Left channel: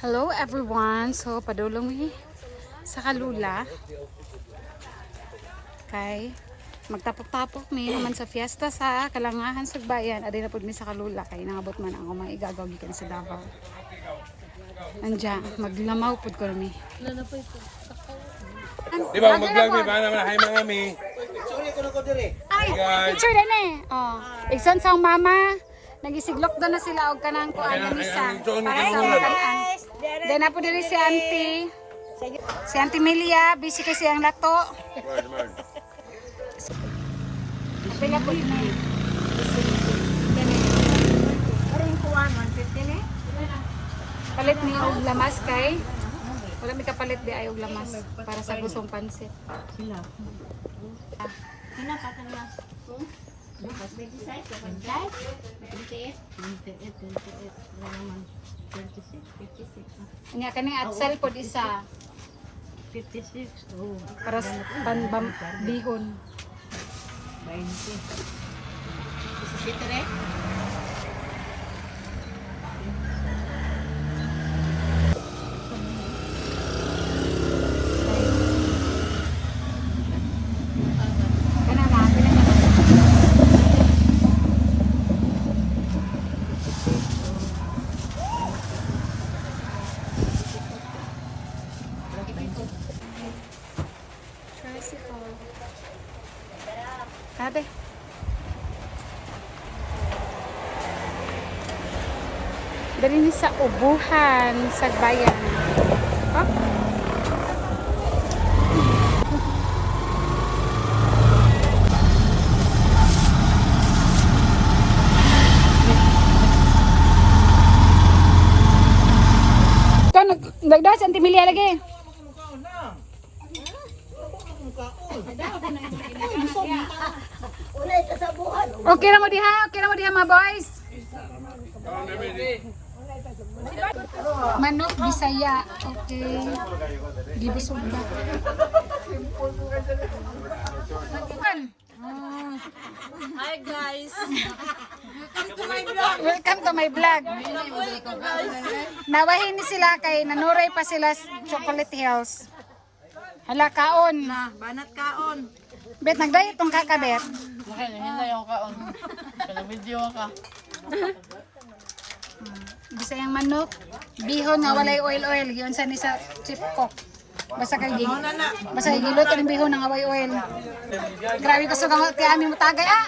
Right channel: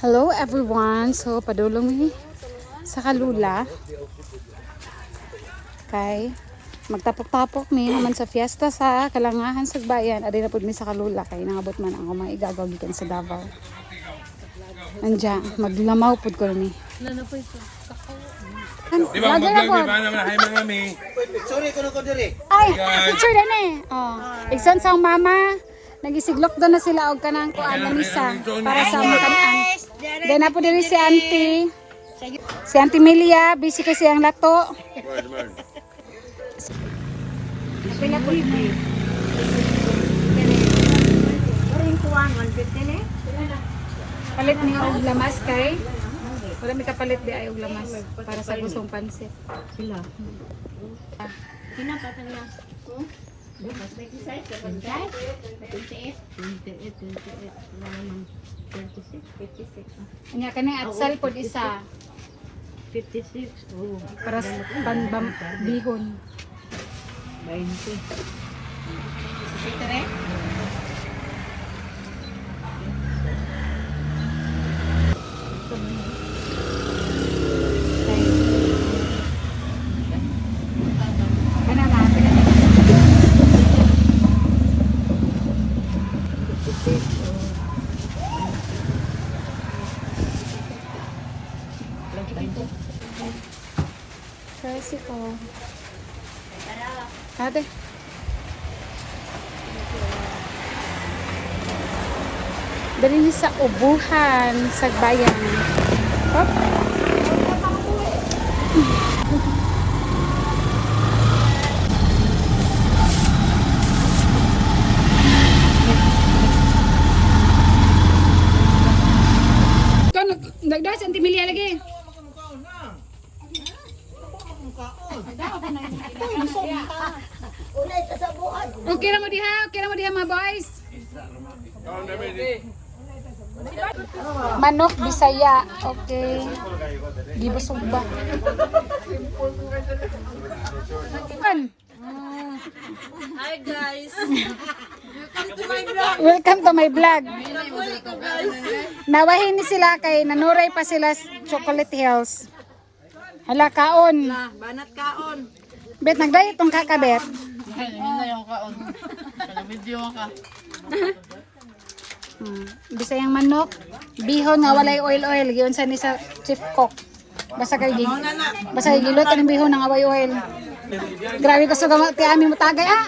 Hello everyone. So padulong mi sa Kalula. Kay magtapok-tapok mi human sa fiesta sa Kalangahan sa bayan. Adi na pud mi sa Kalula kay nangabot man ang mga igagaw gikan sa Davao. Anja, maglamaw pud ko mi. Lagi na po. Sorry ko na ko dili. Ay, picture na ni. Oh, igsoon sa mama. Nagisiglok doon na sila og kanang kuan na misa para sa mutanan. Then na po diri si Auntie. Si Auntie Melia, busy kasi ang lato. Pila po ni. Karon kuan 150 ni. Palit ni og lamas kay. Wala mi kapalit di ay og lamas para sa gustong pansit. Sila. Kinapatan niya. 26 naman 26 Nya kanang atsal pod isa 56 oh para sa panbam bihon. 20 Kana na, pinaka na. Tricycle. Ate. Dali sa ubuhan sa bayan. Hop. Kan nagdas Auntie Melia lagi. Okay na mo diha mga boys. Manok Bisaya. Okay. Gibusog ba? Hi guys. Welcome to my vlog. Nawahin ni sila kay nanuray pa sila sa Chocolate Hills. Hala kaon. Banat kaon. Bet nagdayo tong kakabet. Ay, hindi yung kaon. Kana video ka. Bisayang manok, bihon nga walay oil giyon sa ni sa chief cook. Basta kay giluto ng bihon nga walay oil. Grabe ka suga ti ami mo tagay ah.